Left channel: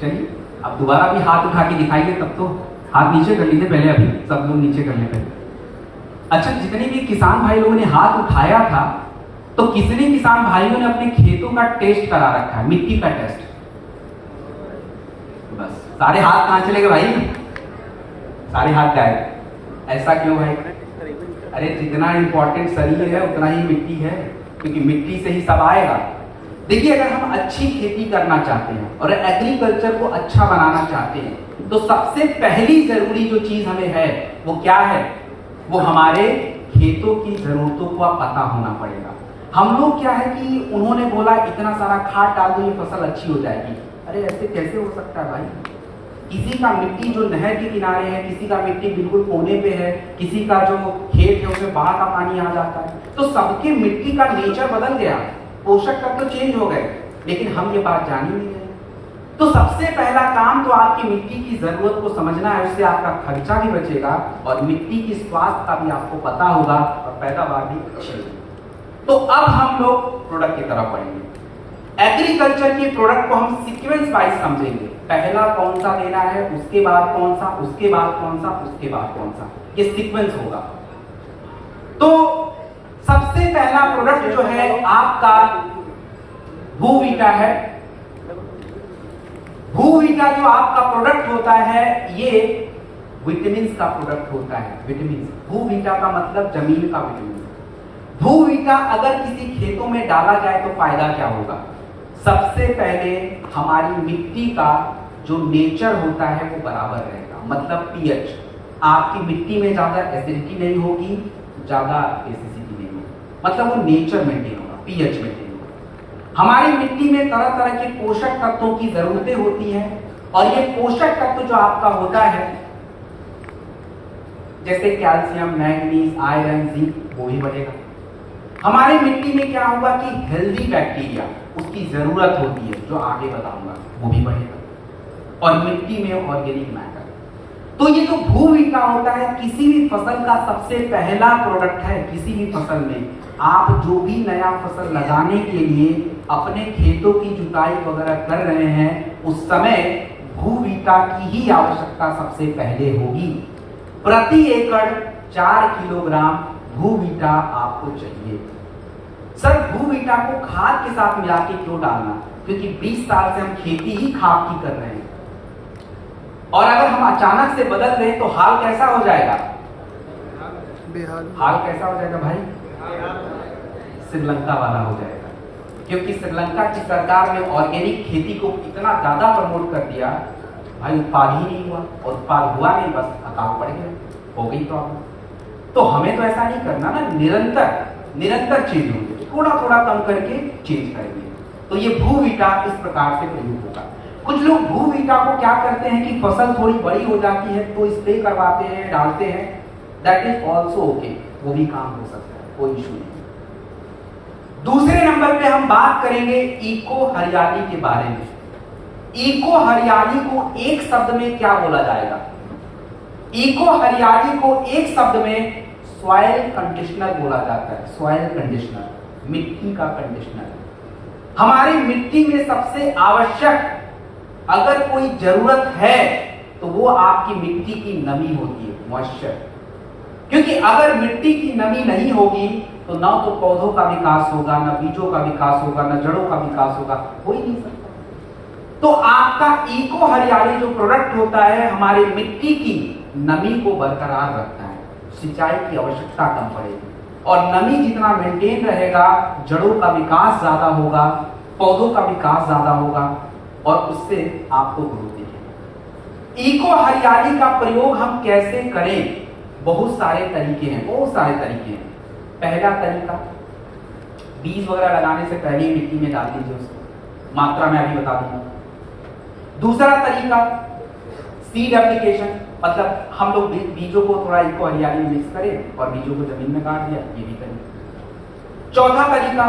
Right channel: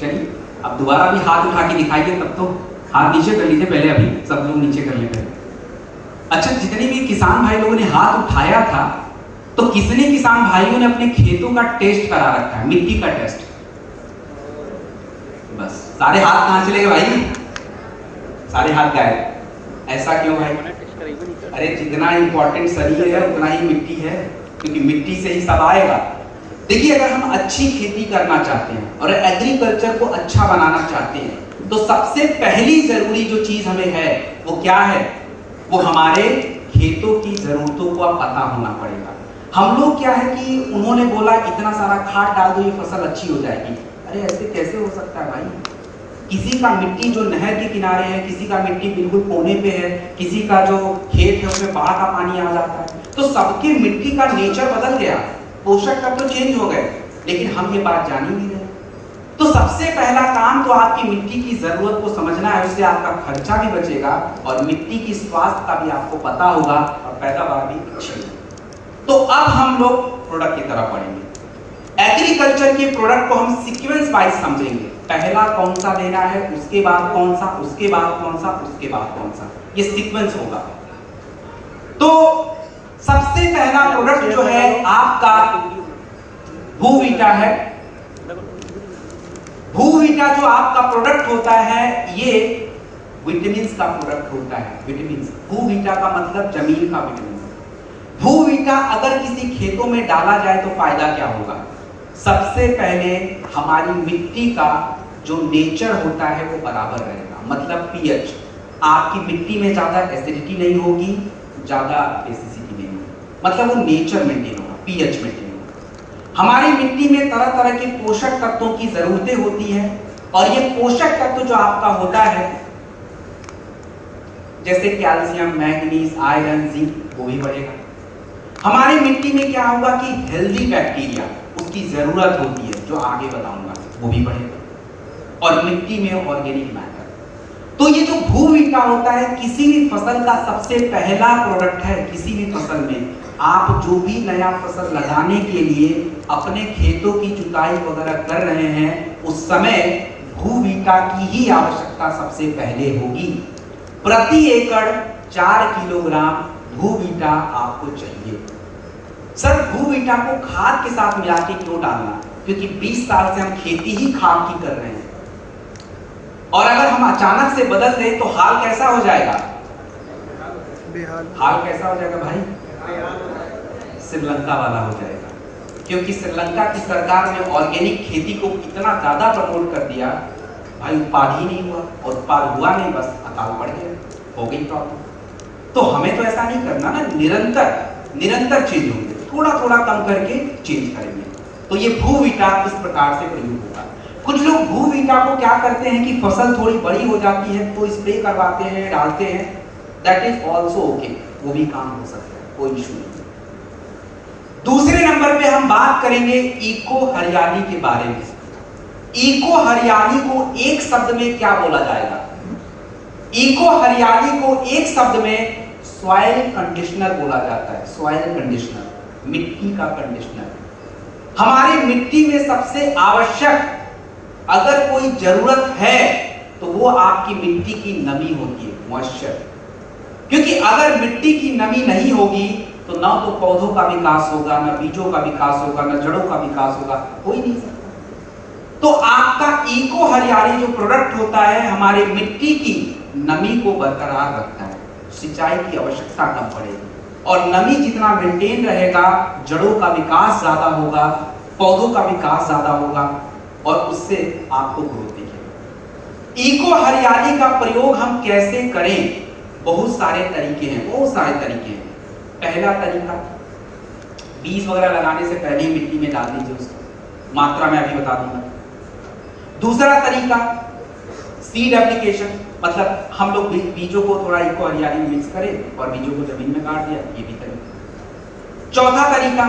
चलिए अब दोबारा भी हाथ उठा के दिखाइए, तब तो हाथ नीचे कर लीजिए पहले, अभी सब लोग नीचे कर लें। अच्छा, जितने भी किसान भाई लोगों ने हाथ उठाया था, तो कितने किसान भाइयों ने अपने खेतों का टेस्ट करा रखा है, मिट्टी का टेस्ट? बस सारे हाथ कहां चले गए भाई? सारे हाथ गायब। ऐसा क्यों भाई? अरे जितना इंपॉर्टेंट शरीर है उतना ही मिट्टी है, क्योंकि मिट्टी से ही सब आएगा। देखिए, अगर हम अच्छी खेती करना चाहते हैं और एग्रीकल्चर को अच्छा बनाना चाहते हैं, तो सबसे पहली जरूरी जो चीज हमें है वो क्या है? वो हमारे खेतों की जरूरतों को पता होना पड़ेगा। हम लोग क्या है कि उन्होंने बोला इतना सारा खाद डाल दो ये फसल अच्छी हो जाएगी। अरे ऐसे कैसे हो सकता है भाई? किसी का मिट्टी जो नहर के किनारे है, किसी का मिट्टी बिल्कुल कोने पे है, किसी का जो खेत है उसमें बाढ़ का पानी आ जाता है, तो सबकी मिट्टी का नेचर बदल गया, पोषक तत्व चेंज हो गए, लेकिन हम ये बात जान ही नहीं रहे। तो सबसे पहला काम तो आपकी मिट्टी की जरूरत को समझना है, उससे आपका खर्चा भी बचेगा और मिट्टी की स्वास्थ्य का भी आपको पता होगा और पैदावार भी अच्छी होगी। तो अब हम लोग प्रोडक्ट की तरफ बढ़ेंगे। एग्रीकल्चर के प्रोडक्ट को हम सीक्वेंस वाइज समझेंगे। पहला कौन सा देना है, उसके बाद कौन सा, उसके बाद कौन सा, उसके बाद कौन सा, ये सीक्वेंस होगा। तो सबसे पहला प्रोडक्ट जो है आपका भूविटा है। भूविटा जो आपका प्रोडक्ट होता है ये विटामिन का प्रोडक्ट होता है। विटामिन, भूविटा का मतलब जमीन का विटामिन। भूविटा अगर किसी खेतों में डाला जाए तो फायदा क्या होगा? सबसे पहले हमारी मिट्टी का जो नेचर होता है वो बराबर रहेगा, मतलब पीएच। आपकी मिट्टी में ज्यादा एसिडिटी नहीं होगी, ज्यादा एसिडिटी नहीं होगी, मतलब वो नेचर मेंटेन होगा, पीएच मेंटेन होगा। हमारी मिट्टी में तरह तरह के पोषक तत्वों की जरूरतें होती हैं और ये पोषक तत्व जो आपका होता है जैसे कैल्शियम, मैग्नीज, आयरन, जिंक, वो भी बढ़ेगा। हमारी मिट्टी में क्या होगा कि हेल्दी बैक्टीरिया उसकी जरूरत होती है, जो आगे बताऊंगा, वो भी बढ़ेगा। और मिट्टी में ऑर्गेनिक मैटर। तो ये जो भूविटा होता है किसी भी फसल का सबसे पहला प्रोडक्ट है। किसी भी फसल में आप जो भी नया फसल लगाने के लिए अपने खेतों की जुताई वगैरह कर रहे हैं, उस समय भूविटा की ही आवश्यकता सबसे पहले होगी। प्रति एकड़ 4 किलोग्राम भूविटा आपको चाहिए। सर, भूविटा को खाद के साथ मिला के क्यों डालना? क्योंकि 20 साल से हम खेती ही खाद की कर रहे हैं, और अगर हम अचानक से बदल दें तो हाल कैसा हो जाएगा? हाल कैसा हो जाएगा भाई? श्रीलंका वाला हो जाएगा। क्योंकि श्रीलंका की सरकार ने ऑर्गेनिक खेती को इतना ज्यादा प्रमोट कर दिया, भाई उत्पाद ही नहीं हुआ, और उत्पाद हुआ नहीं, बस अकाल पड़ गया, हो गई प्रॉब्लम। तो हमें तो ऐसा नहीं करना ना, निरंतर चेंज होंगे, थोड़ा थोड़ा कम करके चेंज करेंगे। तो ये भूविटा इस प्रकार से प्रयोग होगा। कुछ लोग भूविटा को क्या करते हैं कि फसल थोड़ी बड़ी हो जाती है तो स्प्रे करवाते हैं, डालते हैं, दैट इज ऑल्सो ओके, वो भी काम हो सकता है, कोई इशू नहीं। दूसरे नंबर पे हम बात करेंगे इको हरियाली के बारे में। इको हरियाली को एक शब्द में क्या बोला जाएगा? इको हरियाली को एक शब्द में सॉइल कंडीशनर बोला जाता है। सॉइल कंडीशनर, मिट्टी का कंडीशनर। हमारी मिट्टी में सबसे आवश्यक अगर कोई जरूरत है तो वो आपकी मिट्टी की नमी होती है, मॉइस्चर। क्योंकि अगर मिट्टी की नमी नहीं होगी तो ना तो पौधों का विकास होगा, ना बीजों का विकास होगा, ना जड़ों का विकास होगा, हो ही नहीं सकता। तो आपका इको हरियाली जो प्रोडक्ट होता है हमारी मिट्टी की नमी को बरकरार रखता है, सिंचाई की आवश्यकता कम पड़ेगी, और नमी जितना मेंटेन रहेगा जड़ों का विकास ज्यादा होगा, पौधों का विकास ज्यादा होगा, और उससे आपको ग्रोथ दिखेगी। इको हरियाली का प्रयोग हम कैसे करें? बहुत सारे तरीके हैं, बहुत सारे तरीके हैं। पहला तरीका, बीज वगैरह लगाने से पहले मिट्टी में डाल दीजिए उसको, मात्रा में अभी बता दूंगा। दूसरा तरीका सीड एप्लीकेशन, मतलब हम लोग बीजों को थोड़ा इको हरियाली मिक्स करें और बीजों को जमीन में गाड़ दिया, ये भी करें। चौथा तरीका,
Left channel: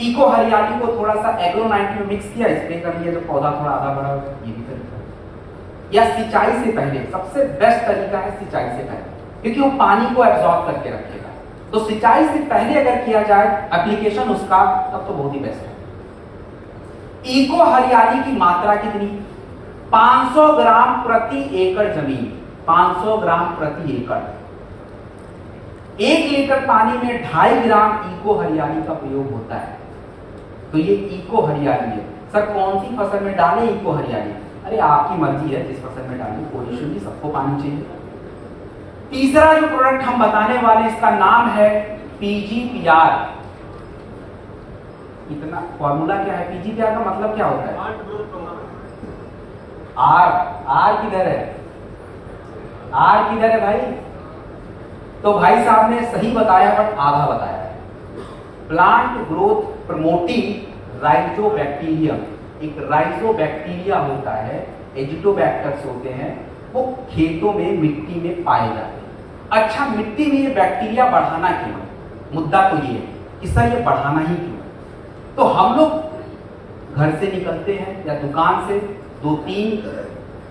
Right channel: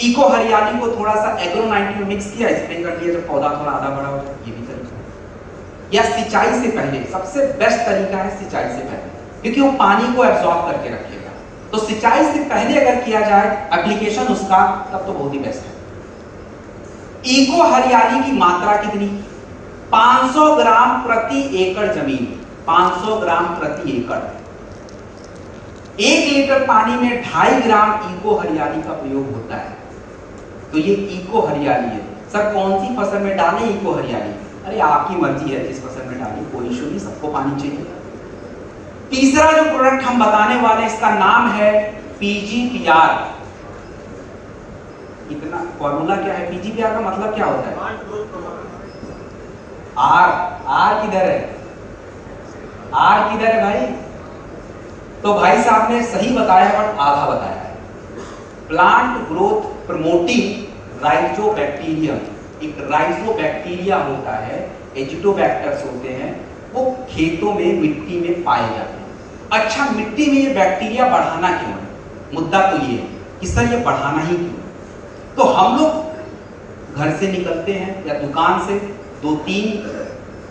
इको हरियाली को थोड़ा सा एग्रो-19 मिक्स किया, स्प्रे कर दिया, जब पौधा थोड़ा आधा बड़ा हो जाए, ये भी करें। या सिंचाई से पहले, सबसे बेस्ट तरीका है सिंचाई से पहले, क्योंकि वो पानी को एब्जॉर्ब करके रखेगा। तो सिंचाई से पहले अगर किया जाए एप्लीकेशन उसका, तब तो बहुत ही बेस्ट है। इको हरियाली की मात्रा कितनी? 500 ग्राम प्रति एकड़ जमीन, 500 ग्राम प्रति एकड़। 1 लीटर पानी में 2.5 ग्राम इको हरियाली का प्रयोग होता है। तो ये इको हरियाली है। सर कौन सी फसल में डालें इको हरियाली? अरे आपकी मर्जी है, जिस फसल में डालें, कोई इशू नहीं, सबको पानी चाहिए। तीसरा जो प्रोडक्ट हम बताने वाले, इसका नाम है PGPR। इतना फॉर्मूला क्या है? PGPR का मतलब क्या होता है? आर किधर है? आर किधर है भाई? तो भाई साहब ने सही बताया पर आधा बताया है। प्लांट ग्रोथ प्रमोटिंग राइजोबैक्टीरियम, एक राइजोबैक्टीरिया होता है, एजिटोबैक्टर्स होते हैं, वो खेतों में मिट्टी में पाए जाते हैं। अच्छा, मिट्टी में ये बैक्टीरिया बढ़ाना क्यों है? मुद्दा तो ये है कि सर ये बढ़ाना ही क्यों? तो हम लोग घर से निकलते हैं या दुकान से 2-3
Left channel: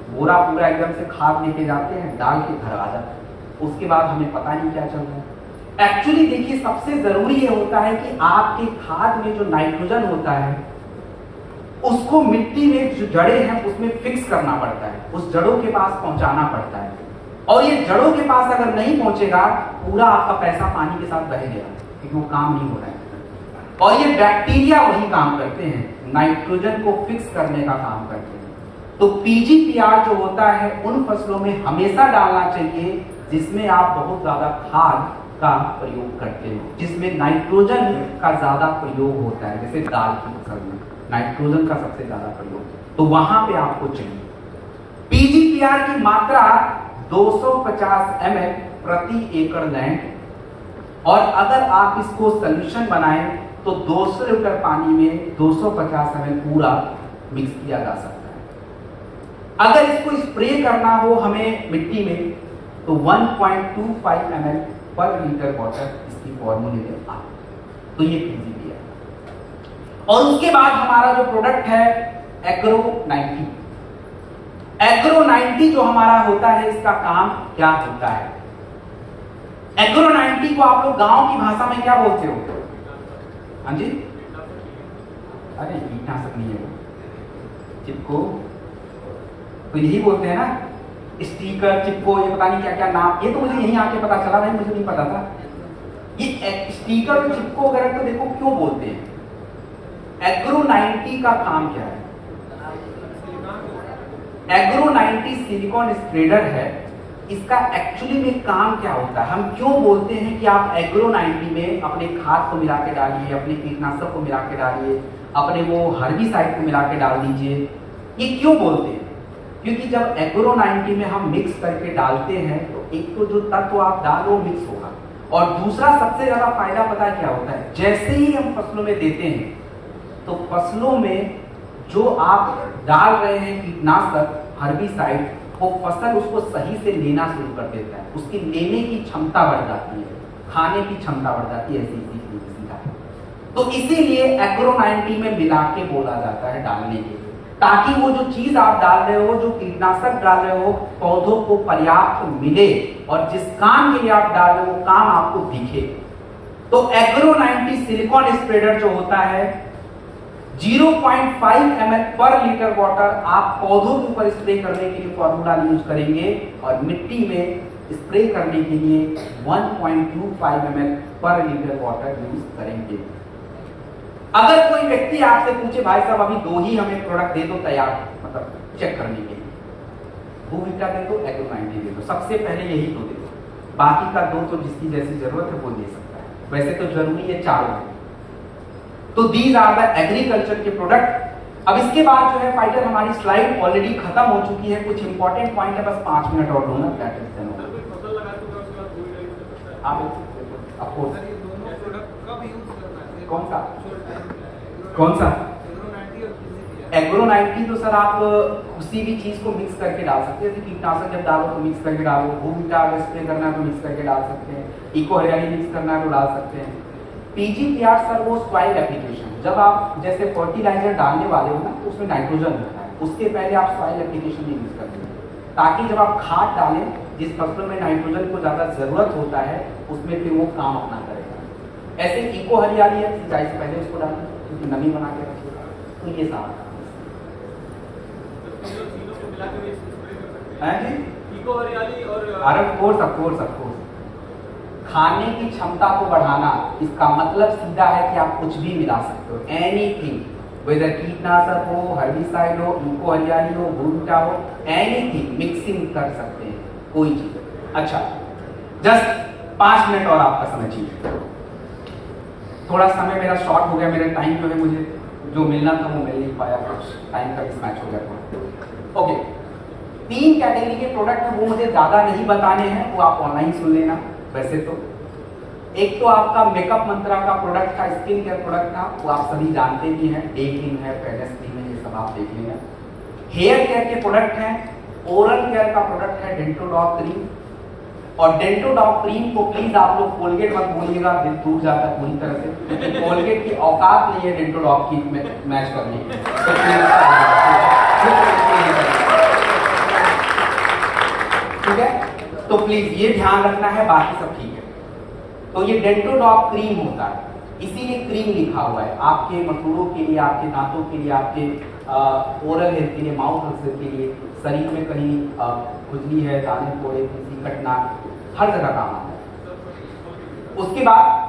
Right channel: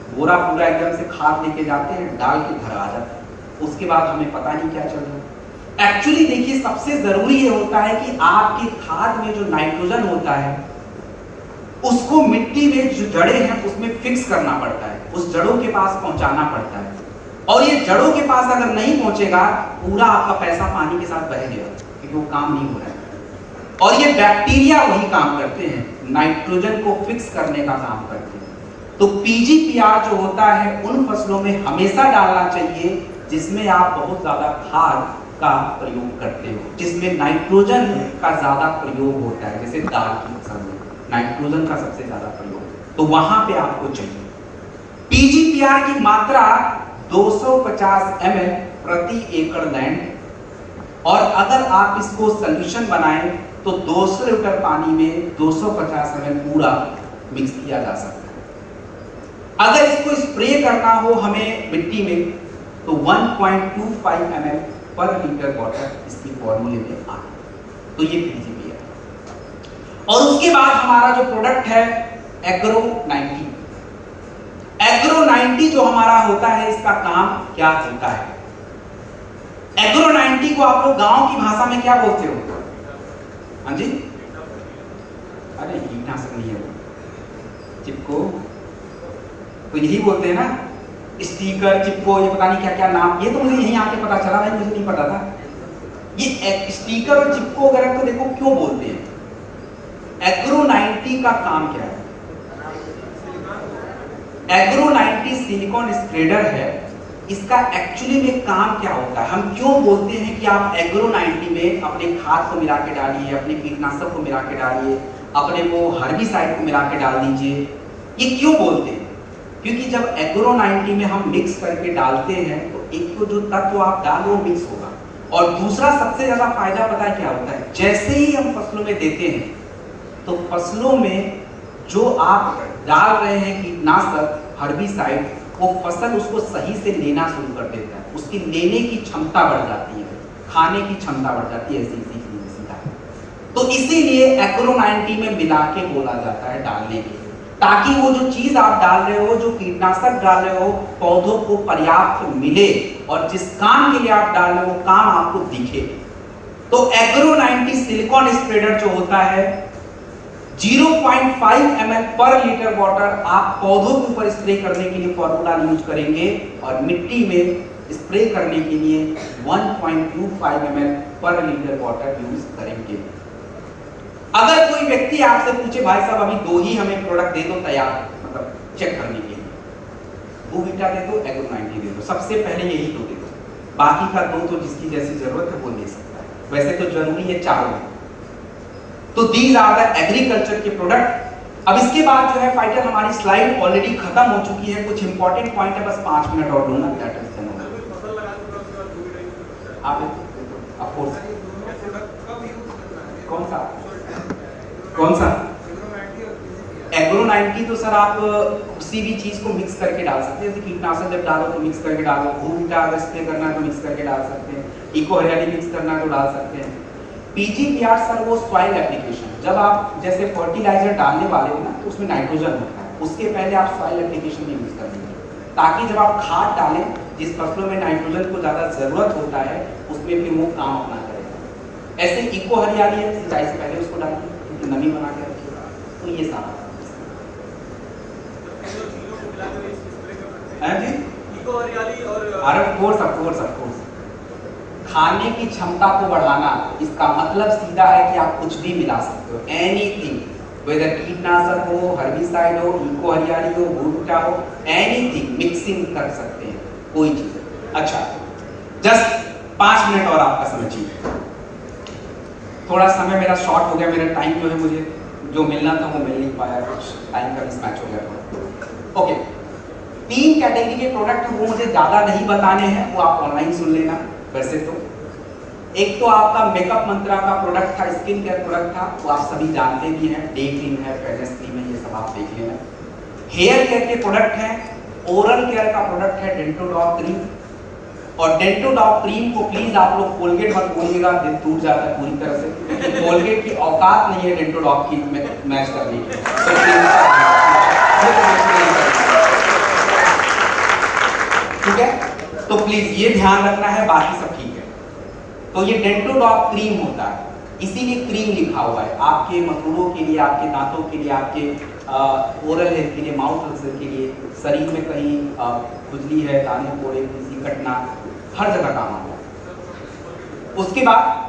बोरा पूरा एकदम से खाद लेके जाते हैं, डाल के घर आ जाते हैं, उसके बाद हमें पता नहीं क्या चल रहा है। एक्चुअली देखिए, सबसे जरूरी ये होता है कि आपके खाद में जो नाइट्रोजन होता है उसको मिट्टी में जो जड़ें हैं उसमें फिक्स करना पड़ता है, उस जड़ों के पास पहुंचाना पड़ता है। और ये जड़ों के पास अगर नहीं पहुंचेगा, पूरा आपका पैसा पानी के साथ बह गया, क्योंकि वो काम नहीं हो रहा है। और ये बैक्टीरिया वही काम करते हैं, नाइट्रोजन को फिक्स करने का काम करते हैं। तो PGPR जो होता है उन फसलों में हमेशा डालना चाहिए जिसमें आप बहुत ज्यादा खाद का प्रयोग करते हो, जिसमें नाइट्रोजन का ज्यादा प्रयोग होता है, जैसे दाल की फसल में नाइट्रोजन का सबसे ज्यादा प्रयोग, तो वहां पे आपको चाहिए। PGPR की मात्रा 250 ml प्रति एकड़ लैंड, और अगर आप इसको सोल्यूशन बनाएं तो 200 लीटर पानी में 250 ml पूरा मिक्स किया जा सकता है। अगर इसको स्प्रे करना हो हमें मिट्टी में तो 1.25 ml पर लीटर वाटर इसकी फॉर्मूले में आता है। तो ये PGPR। और उसके बाद हमारा जो प्रोडक्ट है एग्रो 90। एग्रो 90 जो हमारा होता है, इसका काम क्या होता है? एग्रो 90 को आप लोग गांव की भाषा में क्या बोलते हो? हाँ जी, अरे कीटनाशक नहीं है, चिपको, तो यही बोलते हैं ना, स्टिकर, चिपको, ये पता नहीं क्या क्या नाम, ये तो मुझे यहीं आके पता चला भाई, मुझे नहीं पता था। ये स्टिकर और चिपको वगैरह तो देखो क्यों बोलते हैं। एग्रो 90 का काम क्या है? एग्रो 90 सिलिकॉन स्प्रेडर है। इसका एक्चुअली में काम क्या होता है? हम क्यों बोलते हैं कि आप एग्रो 90 में अपने खाद को मिला के डालिए, अपने कीटनाशक को मिला के डालिए, अपने वो हर्बिसाइड को मिला के डाल दीजिए, ये क्यों बोलते हैं? क्योंकि जब एग्रो 90 में हम मिक्स करके डालते हैं तो एक तो जो तत्व आप डाल रहे हो मिक्स होगा, और दूसरा सबसे ज्यादा फायदा पता है क्या होता है? जैसे ही हम फसलों में देते हैं तो फसलों में जो आप डाल रहे हैं कीटनाशक, हर्बिसाइड, वो फसल उसको सही से लेना शुरू कर देता है, उसकी लेने की क्षमता बढ़ जाती है, खाने की क्षमता बढ़ जाती है, ऐसी सीधा। तो इसीलिए एग्रो 90 में मिला के बोला जाता है डालने के लिए, ताकि वो जो चीज आप डाल रहे हो, जो कीटनाशक डाल रहे हो, पौधों को पर्याप्त मिले, और जिस काम के लिए आप डाल रहे हो वो काम आपको दिखे। तो एग्रो 90 सिलिकॉन स्प्रेडर जो होता है 0.5 ml पर लीटर वाटर आप पौधों के ऊपर स्प्रे करने के लिए फॉर्मूला यूज करेंगे, और मिट्टी में स्प्रे करने के लिए 1.25 ml पर लीटर वाटर यूज करेंगे। अगर कोई व्यक्ति आपसे पूछे भाई साहब अभी 2 ही हमें प्रोडक्ट दे दो तैयार, मतलब चेक करने के लिए, बूविटा दे दो, एग्रो 90 दे दो, सबसे पहले यही 2 दे दो, बाकी का 2 तो जिसकी जैसी जरूरत है वो दे सकता है, वैसे तो जरूरी है 4। तो दीज आर द एग्रीकल्चर के प्रोडक्ट। अब इसके बाद जो है फाइटर, हमारी स्लाइड ऑलरेडी खत्म हो चुकी है, कुछ इंपॉर्टेंट पॉइंट है, बस 5 मिनट और लूंगा, दैट इज द नो। आप ऑफ कोर्स कौन सा एग्रो 90 तो सर आप किसी भी चीज को मिक्स करके डाल सकते हैं, जैसे कीटनाशक जब डालो तो मिक्स करके डालो, बूविटा अगर स्प्रे करना है तो मिक्स करके डाल सकते हैं, इको हरियाली मिक्स करना है तो डाल सकते हैं। PGPR सर वो सॉइल एप्लीकेशन, जब आप जैसे फर्टिलाइजर डालने वाले हो ना तो उसमें नाइट्रोजन होता है, उसके पहले आप सॉइल एप्लीकेशन में यूज करेंगे, ताकि जब आप खाद डालें, जिस फसलों में नाइट्रोजन को ज्यादा जरूरत होता है उसमें फिर वो काम अपना करेगा। ऐसे इको हरियाली है, सिंचाई से पहले उसको डालिए, नमी बना के रखिएगा। तो ये सारा जी इको हरियाली और अरे ऑफ कोर्स खाने की क्षमता को बढ़ाना, इसका मतलब सीधा है कि आप कुछ भी मिला सकते हो, एनीथिंग, वेदर कीटनाशक हो, हर्बिसाइड हो, इको हरियाली हो, भूटा हो, एनीथिंग मिक्सिंग कर सकते हैं, कोई चीज। अच्छा, जस्ट 5 मिनट और आपका समय चाहिए। थोड़ा समय मेरा शॉर्ट हो गया, मेरा टाइम जो है मुझे जो मिलना था वो मिल नहीं पाया, कुछ टाइम का मिसमैच हो गया था। ओके, 3 कैटेगरी के प्रोडक्ट वो मुझे ज्यादा नहीं बताने हैं, वो आप ऑनलाइन सुन लेना। वैसे तो एक तो आपका मेकअप मंत्रा का प्रोडक्ट था, स्किन केयर प्रोडक्ट था, वो आप सभी जानते भी हैं, डे क्रीम है, फेयरनेस क्रीम है, ये सब आप देख लेना। हेयर केयर के प्रोडक्ट हैं, ओरल केयर का प्रोडक्ट है डेंटोडॉक क्रीम, और डेंटोडॉक क्रीम को प्लीज आप लोग कोलगेट मत बोलिएगा, दिल टूट जाता है पूरी तरह से, कोलगेट की औकात नहीं है डेंटोडॉक की मैच करने की। ठीक है, तो प्लीज ये ध्यान रखना है, बाकी सब ठीक है। तो ये डेंटोडॉक क्रीम होता है, इसीलिए क्रीम लिखा हुआ है, आपके मसूड़ों के लिए, आपके दांतों के लिए, आपके ओरल हेल्थ के लिए, माउथ हेल्थ के लिए, शरीर में कहीं खुजली है, दाने फोड़े, किसी कटना, हर जगह काम आता है। उसके बाद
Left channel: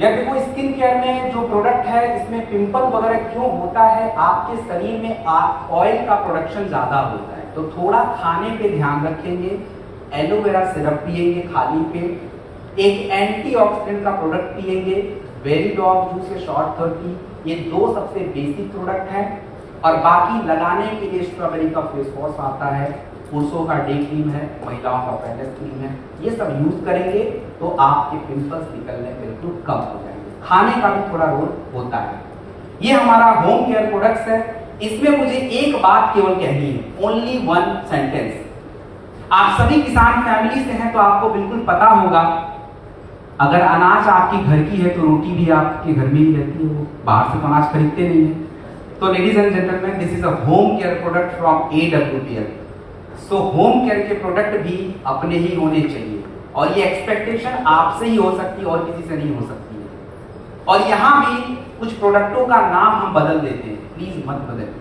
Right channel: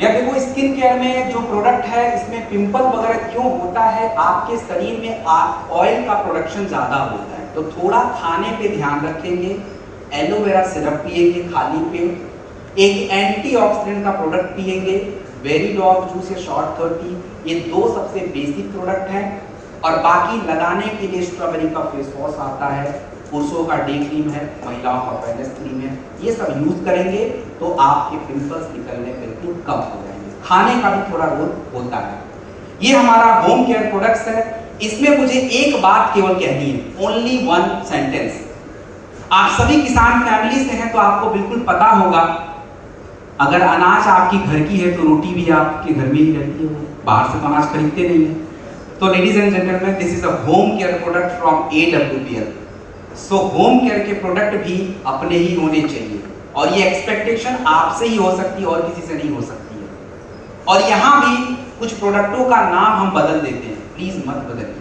या देखो, स्किन केयर में जो प्रोडक्ट है, इसमें पिंपल वगैरह क्यों होता है, आपके शरीर में ऑयल का प्रोडक्शन ज्यादा होता है, तो थोड़ा खाने पे ध्यान रखेंगे, एलोवेरा सिरप पिएंगे खाली पेट, एक एंटीऑक्सीडेंट का प्रोडक्ट पिएंगे, वेरीडॉग जूस या शॉर्ट 30, ये 2 सबसे बेसिक प्रोडक्ट हैं। और बाकी लगाने के लिए स्ट्रॉबेरी का फेस वॉश आता है, पुरुषों का डे क्रीम है, महिलाओं का फेयरनेस क्रीम है, ये सब यूज करेंगे तो आपके पिंपल्स निकलने बिल्कुल कम हो जाएंगे। खाने का भी थोड़ा रोल होता है। ये हमारा होम केयर प्रोडक्ट्स है। इसमें मुझे एक बात केवल कहनी है, ओनली 1 सेंटेंस। आप सभी किसान फैमिली से हैं तो आपको बिल्कुल पता होगा, अगर अनाज आपकी घर की है तो रोटी भी आपके घर में ही रहती है, बाहर से तो अनाज खरीदते नहीं है। तो ladies and gentleman, this is a home care product from AWPL। So home care के प्रोडक्ट भी अपने ही होने चाहिए, और ये एक्सपेक्टेशन आपसे ही हो सकती है और किसी से नहीं हो सकती है। और यहाँ भी कुछ प्रोडक्टों का नाम हम बदल देते हैं, प्लीज मत बदलिए।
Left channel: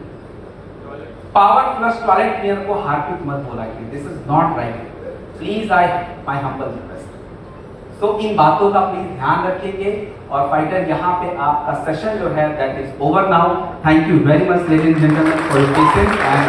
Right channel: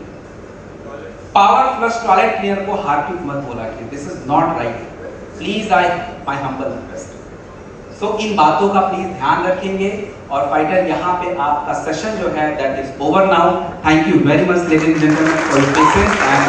पावर फ्लश टॉयलेट क्लीनर को हार्पिक मत बोला कि this is not right, please I my humble request. So इन बातों का प्लीज ध्यान रखेंगे। और फाइटर, यहाँ पे आपका सेशन जो है that is over now. Thank you very much ladies and gentleman for your patience and